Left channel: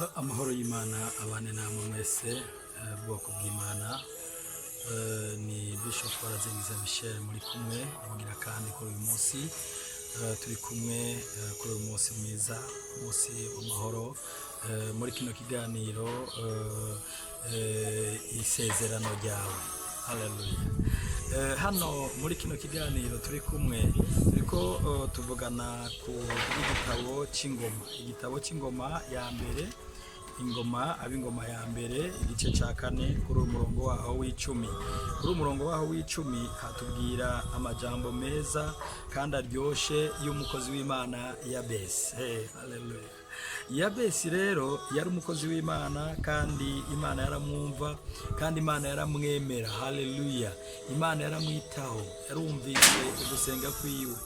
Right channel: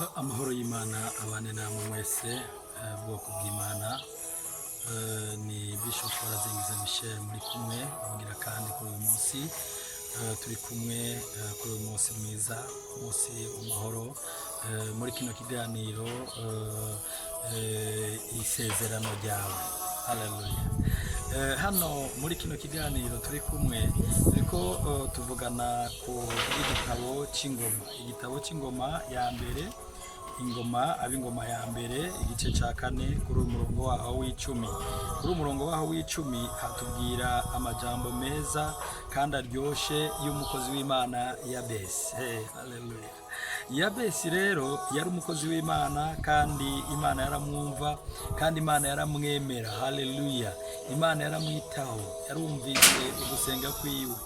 Amahoro y'Imana abane namwe mwese bwoko bw'Imana. Ni Bishop Barazengiza Michel muri kumwe abwira kandi kuri uyu munsi turi kumwe kuri uyu munsi mwiza, munsi w'amahoro, muri kino kiganiro isezerano ryawe. Haleluya. Hano muri kino kiganiro turi kumwe turiko tuvugana ku igitabo c'ingoma ya mbere, ingoma ya mbere igice ca 4 kuri umurongo waho w'icumi. Kuri umurongo waho w'icumi hatubwira amajambo meza kandi aryoshe y'umukozi w'Imana Yabesi. Haleluya. Yabesi rero yari umukozi w'Imana kandi Imana yaramwumva kandi Imana yaramwemera. Haleluya. Imana yaramwitaho, yarumvise ugusenga kwiwe.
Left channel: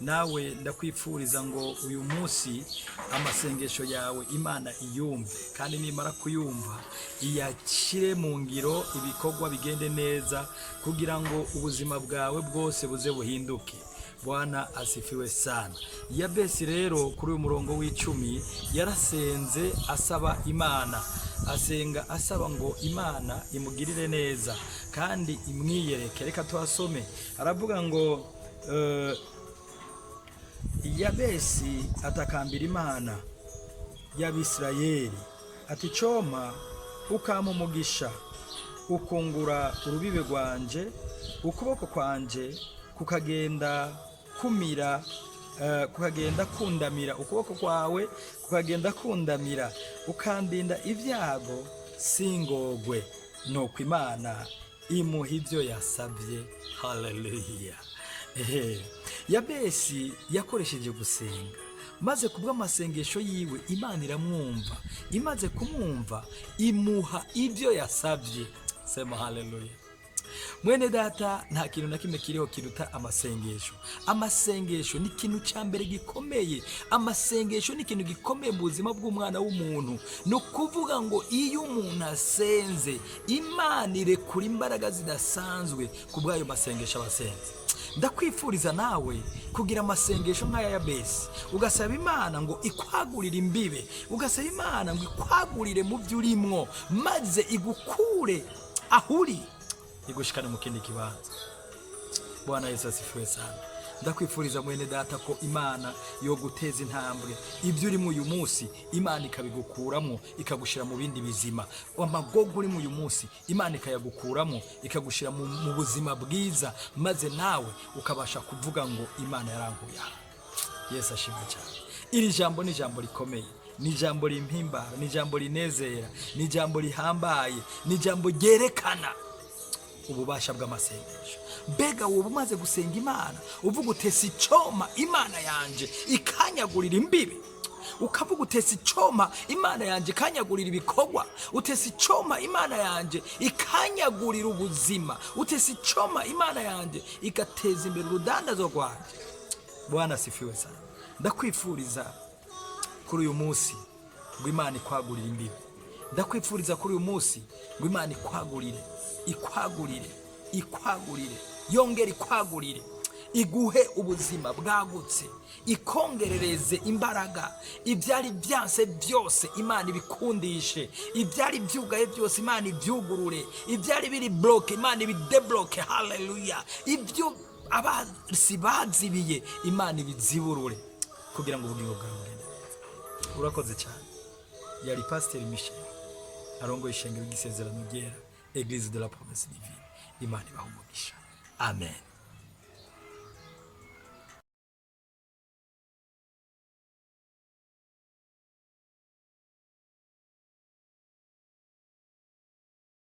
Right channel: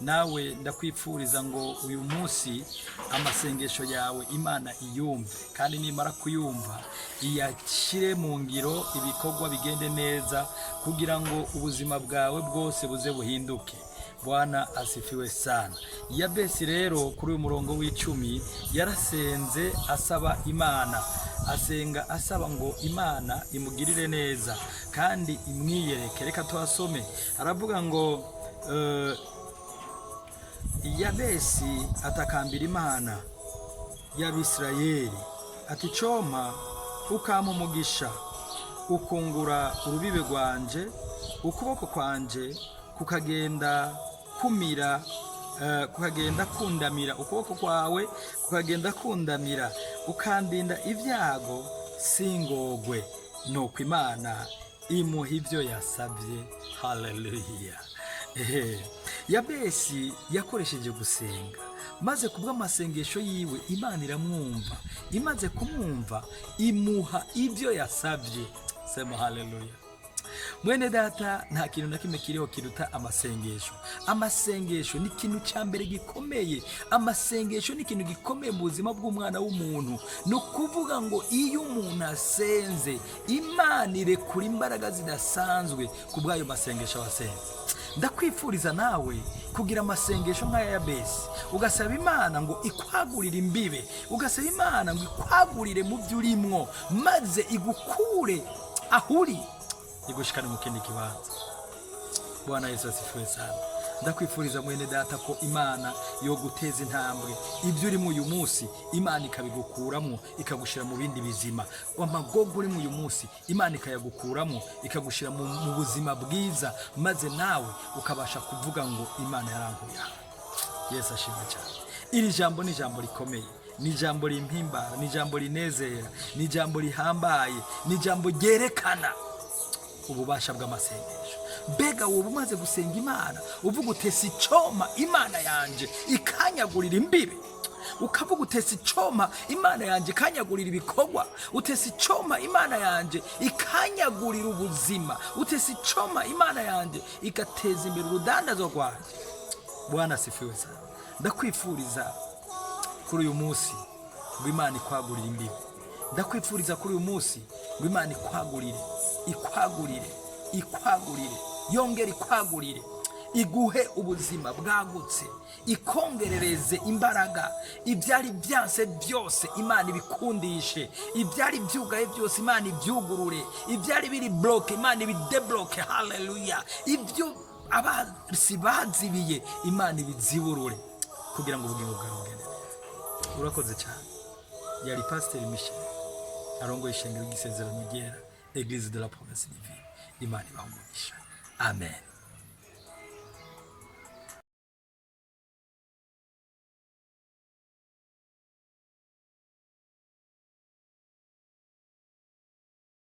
Nawe ndakwifuriza ngo uyu munsi amasengesho yawe Imana iyumve, kandi nimara kuyumva iyakire mu ngiro, ibikorwa bigende neza kugira ngo ubuzima bwawe bwose buze buhinduke. Bwana asifiwe sana. Yabesi rero kuri uyu murongo w'icumi yarasenze asaba Imana, asenga asaba ngo Imana imugirire neza kandi imwiyereke. Reka tuhasome, aravuga ngo Yabesi atakambira Imana y'Abisirayeli ati, coma ukama umugisha, ukungura urubibe rwanje, ukuboko kwanje kukagenda kundamira, ukuboko kwawe kukagenda kundamira, ukandinda ibyago singogwe. Nuko Imana imuha ibyo yasabye. Haleluya. Yabesi yakoresheje gusenga, maze kubw'amasengesho yiwe Imana iramwumva. Imaze kumwumva imuha ibyo yasabye. Sema haleluya. Mwene data, nta kintu na kimwe kiriho kiruta amasengesho. Amasengesho ni ikintu cya mbere gikomeye. Amasengesho ni ikintu gikomeye mu buzima bw'umwana w'umuntu. Ni ukuvuga ngo iyo umuntu asenze, Imana irekura imbaraga zidasanzwe ku bw'ayo masengesho abasenze. Ndakwifuriza nawe kugira amasengesho nk'aya Yabesi, ugasaba Imana ngo ikwagurire imbibe, ugasaba Imana ngo ikwagurire mu byo urimwo, maze igukure ahuri igushikane mu kindi kibanza. Bwana Yesu asifiwe sana. Ndakwifuriza mwene data ko Imana yo guteza intambwe ibyo uri mu uyu munsi, Imana ikabigukuramo ikagushira mu bindi bizima. Amagogo uri mu uyu munsi Imana ikayagukuramo ikagushira mu buzima bwiza, maze nawe ukabasha kuvuga ngo Imana yarankuye. Yesu ashimwe cyane. Iri jambo ni jambo rikomeye, ni jambo rimpimbara, ni jambo rinezera, ni jambo rihambaye, ni jambo ryerekana ububasha bw'amasengesho. Mbega wowe umaze gusenga Imana uvuga utesi coma Imana yanje ikanyagurira imbibe, ukavuga utesi coma Imana yanje ikanyagurira ibikorwa, utesi coma Imana yanje ikanyagurira ubuzima, utesi coma Imana yanje igateza imbere urudandazo rwanje. Bwana asifiwe sana. Ndakwifuriza kuri uyu munsi ngo Imana ikwagurire imbibe. Ndakwifuriza kuri uyu munsi ngo Imana ikwagurire, yongere ikwagurire, iguhe ubuzima bwagutse, ikongerereze imbaraga. Ibyari byanse byose Imana ibikundishe, ibyari byugaye byose Imana ibyugurure, ibyari biri bloke Imana ibidebloke. Haleluya. Ibyo abasi bazibiye Imana ibiziburure kugira ngo ubugingo bwawe bugende neza. Urakoze cyane. Yari Pastor Michel arongoye ishengero ry'isezerano ryera, Église de la Promesse Divine. Imana ibahe umugisha. Amen.